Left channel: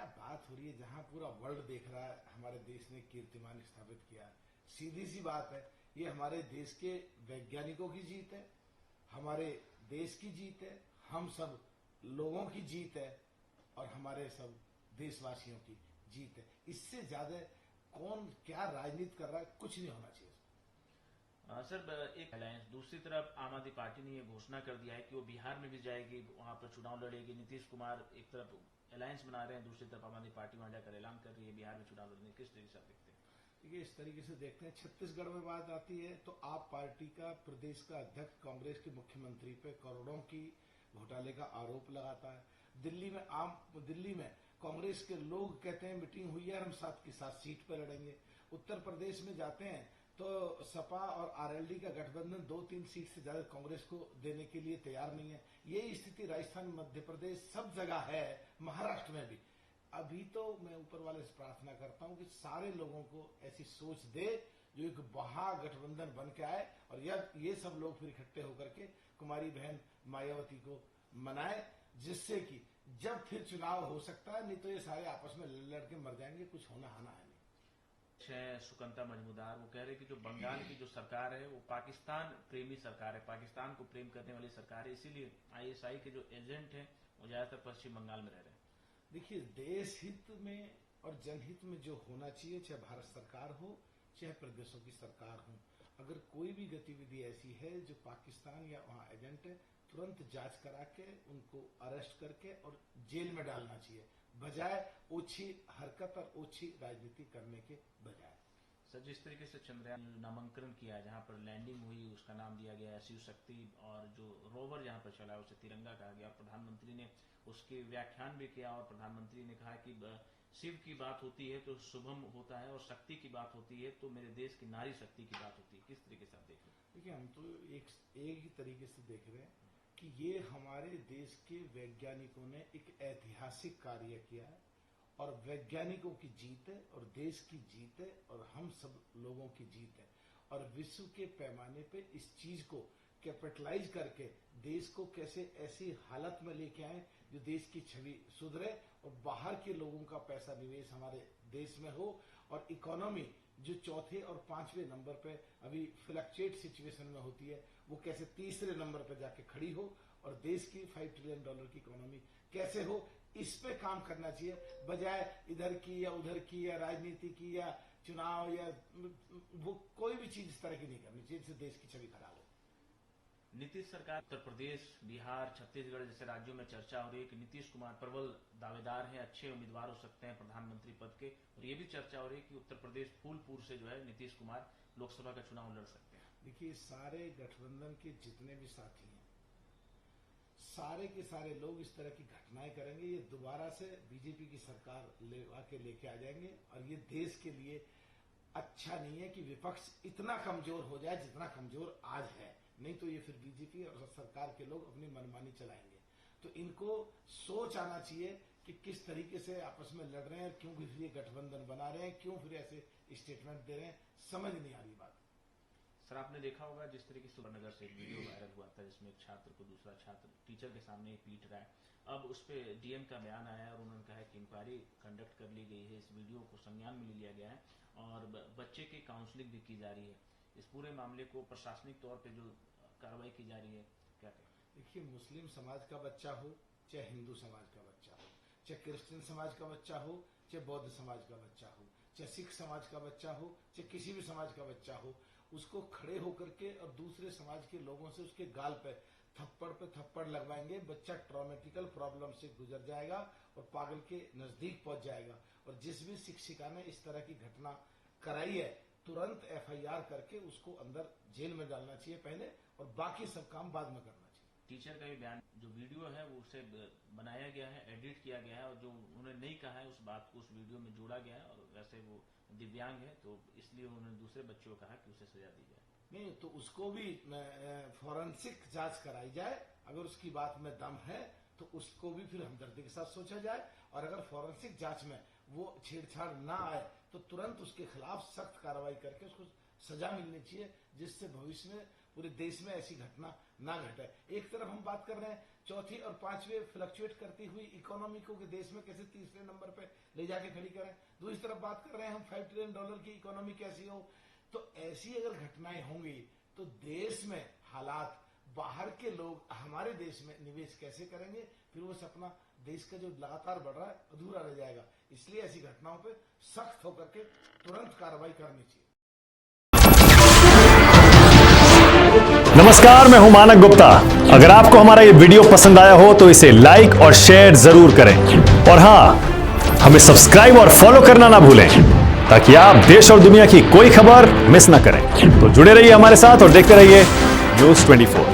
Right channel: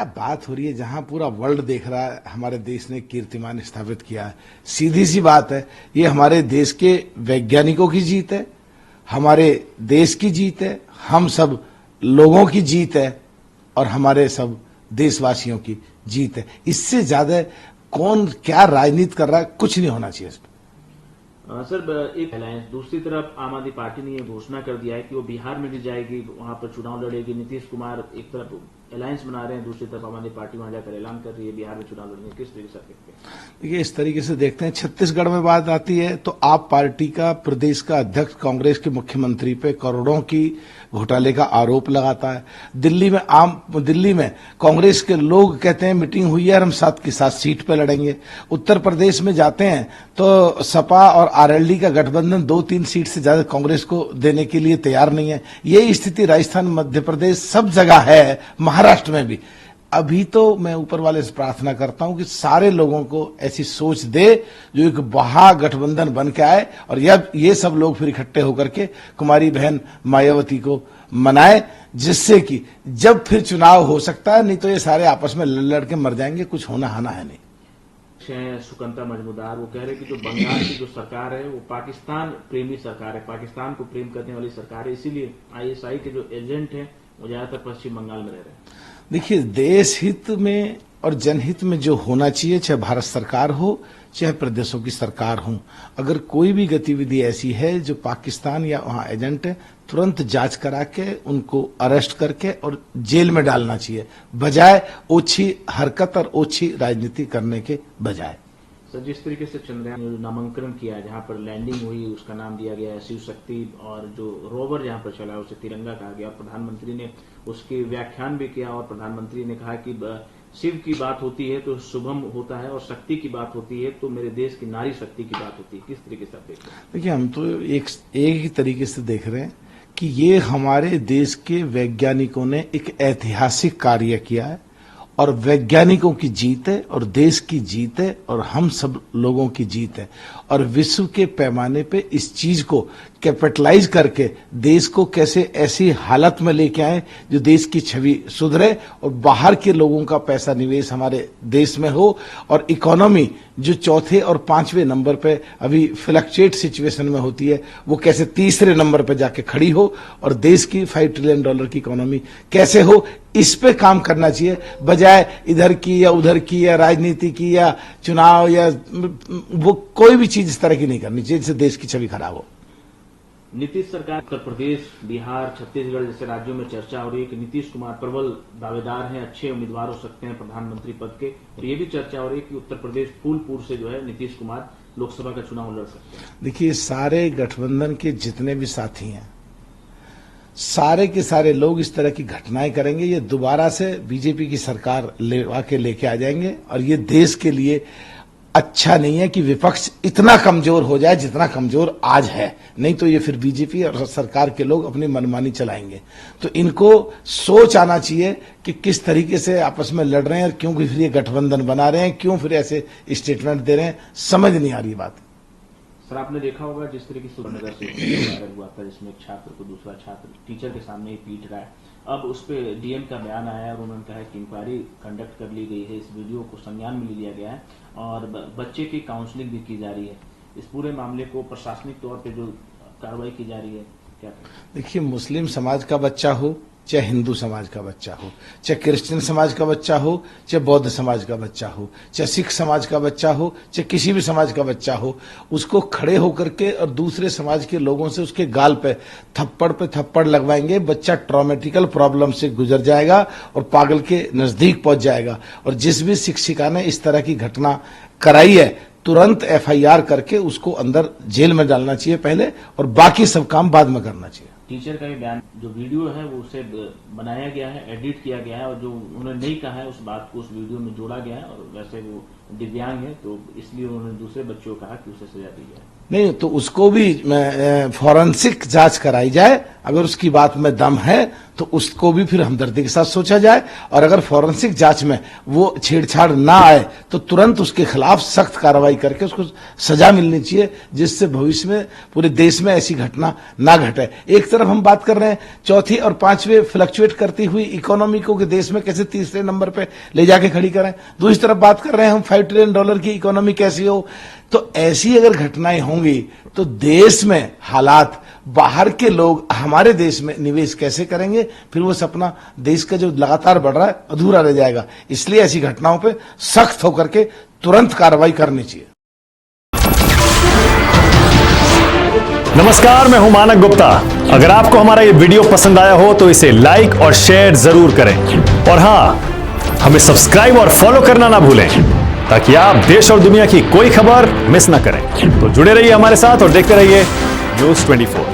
क्या बात हो रही है, जहां पूरा वर्ल्ड देख रहा है हमारे देश ने कीर्तिमान स्थापित किया है। सीधी सी बात है, ये हमारे देश के वैज्ञानिकों की जीत है, हमारे देश की जीत है, हम सब लोगों की जीत है और हमारे सब देशवासियों की जीत है। इससे ज्यादा कौन क्या राजनीति कर रहा है, कुछ नहीं होना चाहिए इसमें। सर, एक अलायंस, दूसरी तरफ आम आदमी पार्टी ने यह घोषणा कर दिया है कि वो बिहार में भी जाएगी, वहां पर चुनाव लड़ेगी। नीतीश कुमार एक तरफ अलायंस बना रहे हैं, दूसरी तरफ आम आदमी पार्टी वहां जाकर ऐलान कर रही है बिहार में चुनाव लड़ेंगे। किस तरीके से देखते हैं? देखिए, इस तरीके से देखते हैं, छत्तीसगढ़ में बात आती है तो आप पार्टी का प्रदेश का अध्यक्ष कांग्रेस के मुख्यमंत्री पे करोड़ों की घोटाले का आरोप लगाता है। दिल्ली में कांग्रेस के लोग कहते हैं मीटिंग हुई है और हम 7 की 7 सीट पे लड़ेंगे। उत्तर प्रदेश में जाते हैं तो सपा और आरएलडी का गठबंधन 2-3 सीट से ज्यादा कांग्रेस को देने के लिए तैयार नहीं है। ये स्थिति राजस्थान, मध्य प्रदेश, सब जगह है, महाराष्ट्र में भी। अभी तो मैं ऊपर वाले से प्रार्थना करता हूं कि सारे लोगों को ऐसी सोच दे जो एक महागठबंधन बन के आए और ये सब लोग फिर इकट्ठे होकर के कुमारी बहन मायावती को मनाए, जिससे कि जब फिर चुनाव हो सकता है। नहीं तो ये सारे आपस में लड़ के मर जाएंगे, कुछ होना हाना है नहीं। सुकंता मजमूदार वो कह रहे कि जो बंगाल की जो सरकार है वो पाकिस्तान प्रेमी सरकार है, पाकिस्तान को प्रेम करने वाली सरकार है, इसीलिए आईएसआई के जो एजेंट हैं वो ज्यादातर पश्चिम बंगाल में रह रहे हैं। देखिए, देश हित में और जनहित में जो होना चाहिए, चाहे भारत सरकार हो चाहे प्रदेशों की सरकार हो, अगर कोई भी गतिविधि ऐसी है जो पाकिस्तान या वहां एजेंट है, तुरंत जांच करा के उनको अरेस्ट करके और जेल में डालना चाहिए, बजाय ओछी हरकत और ओछी राजनीति करने के बजाय। सर, जिस तरीके से चंद्रयान ने नामांकन किया, जहां पर लैंडिंग हुई, उसका नाम दिया गया है शिव शक्ति, और जो रोवर जहां पर चला उसे तिरंगा कहा गया, और प्रधानमंत्री ने उसके व्याख्यान भी किया और प्रधानमंत्री ने कहा कि शिव की बात होती है तो शुभम होता है और शक्ति की बात होती है तो मेरे देश की नारी शक्ति की बात होती है। किस तरीके से आप देखते हैं? देखिए, हम तो एक ही तरीके से देख रहे हैं कि ये हमारे देश के वैज्ञानिकों ने एक ऐतिहासिक कार्य किया है और वैज्ञानिकों की जीत है और देश की जीत है और हम सब लोगों की जीत है। और विश्व के पैमाने पे इस चीज को कैपिटलाइज करके देश को कैसे ऐसी हालत में लेके आए जो देश की छवि सुधरे और बाहर के लोगों का पैसा निवेश हमारे देश में हो और इकोनॉमी जो चौथे और 5वें नंबर पे अभी फ्लक्चुएट सिचुएशन में होती है, वो कैसे तीसरे नंबर पे जाके खड़ी हो और देश की $5 ट्रिलियन की इकोनॉमी कैसे हो, इस पे काम करना चाहिए, बजाय इधर की या उधर की या राजनीति की या चुनाव या वो कोई भी चीज इस तरह की नहीं करनी चाहिए जिससे देश की छवि खराब हो। नीतीश सरकार, उत्तर प्रदेश, बिहार, छत्तीसगढ़ जैसे राज्यों में चर्चा हो रही है कि नीतीश कुमार प्रबल दावेदार हैं, अच्छे उम्मीदवार हो सकते हैं प्रधानमंत्री पद के, और ये भी चर्चा हो रही है कि उत्तर प्रदेश फूलपुर से जो है नीतीश कुमार लोकसभा का चुनाव लड़ सकते हैं। देखिए, सारे गठबंधन के जितने भी साथी हैं, सारे के सारे लोग इस तरह की घटनाएं करेंगे, ये दोबारा से बीजेपी की सरकार लेके आ जाएंगे और ये देश के लिए अच्छा नहीं है कि विपक्ष इतना कमजोर हो जाए जितना कमजोर आज है। नहीं तो ये फिर बीजेपी और सरकार के लोग अपनी मनमानी चलाएंगे। तो इनको सोच आना चाहिए कि किस तरीके से आपस में लड़ रहे हैं और क्यों फिर ये गठबंधन बना रहे हैं, क्यों फिर ऐसे स्टेटमेंट दे रहे हैं, समझ नहीं आ रही बात। सर, आपने देखा होगा जिस तरीके से नगर से वायरल हुआ था जिसमें एक छात्र को दूसरा छात्र टीचर के सामने ही पीट रहा है, अब उस पर डीएम का बयान आया है और उन्होंने कहा कि इंक्वायरी कंडक्ट कर ली गई है, इस वीडियो को संज्ञान में लिया गया है और बच्चे की काउंसलिंग भी की जा रही है। इस पूरे मामले को प्रशासनिक तौर पे जो कार्रवाई की जा रही है, क्या करें? देखिए, मुस्लिम समाज का बच्चा हो चाहे हिंदू समाज का बच्चा हो, चाहे क्रिश्चियन समाज का बच्चा हो, चाहे बौद्ध समाज का बच्चा हो, चाहे सिख समाज का बच्चा हो, चाहे किसी भी समाज का बच्चा हो, उसको खड़े होकर के और दूसरे समाज के लोगों से उसके गाल पे थप्पड़ लगवाएंगे, बच्चा ट्रॉमेटिकल प्रॉब्लम से गुजर जाएगा और पागल के नजदीक पहुंच जाएगा। और जिस भी शिक्षिका ने इस तरह की घटना कराई है, तुरंत एफआईआर करके उसको अंदर जेल में डालना चाहिए पहले, और बाकी सब काम बाद में करना चाहिए। टीचर का भी बयान, जो वीडियो है वो उसे बनाया गया है, एडिट किया गया है और जो उन्होंने नहीं कहा है उस बात को उस वीडियो में जोड़ा गया है, और वैसे वो दिव्यांग है तो इसलिए उन्होंने दूसरे बच्चों को कहा कि उसे सजा दी जाए। नहीं तो उसको भी फॉरेंसिक जांच कराई जाए, अगर उसकी बात में दम है तो उसको भी फिर हमदर्दी के साथ सोचा जाए, और अगर फॉरेंसिक जांच में वो छेड़छाड़ ना आए तो तुरंत उसके खिलाफ सख्त कार्रवाई करके उसको सजा मिलनी चाहिए, जिससे भविष्य में पूरे देश में ऐसी घटना ना घटे। एक तरफ हम बात कर रहे हैं चौथी और पांचवें फ्लक्चुएट करती हुई इकोनॉमी को कि देश में कैसे तीसरे नंबर पे ले जाके खड़ी करें, दूसरी तरफ बात कर रहे हैं हम $5 ट्रिलियन की इकोनॉमी कैसी हो। तो ऐसी अगर घटनाएं होंगी तो देश में हालात, बाहर के लोग हमारे देश में निवेश कैसे करेंगे, फिर वो सपना देश का जो लगातार बढ़ रहा है अधूरा रह जाएगा। इसलिए ऐसी घटनाओं पे सख्त होकर के तुरंत कार्रवाई करनी चाहिए। नमस्कार, मैं हूं मानक गुप्ता। अगर आपको हमारा ये वीडियो पसंद आया हो तो इसे लाइक और शेयर जरूर करें, और हां, हमें सब्सक्राइब और फॉलो करना ना भूलें ताकि आप देश और दुनिया की कोई खबर मिस ना करें। तो जुड़े रहिए हमारे साथ और देखते रहिए न्यूज़ 24।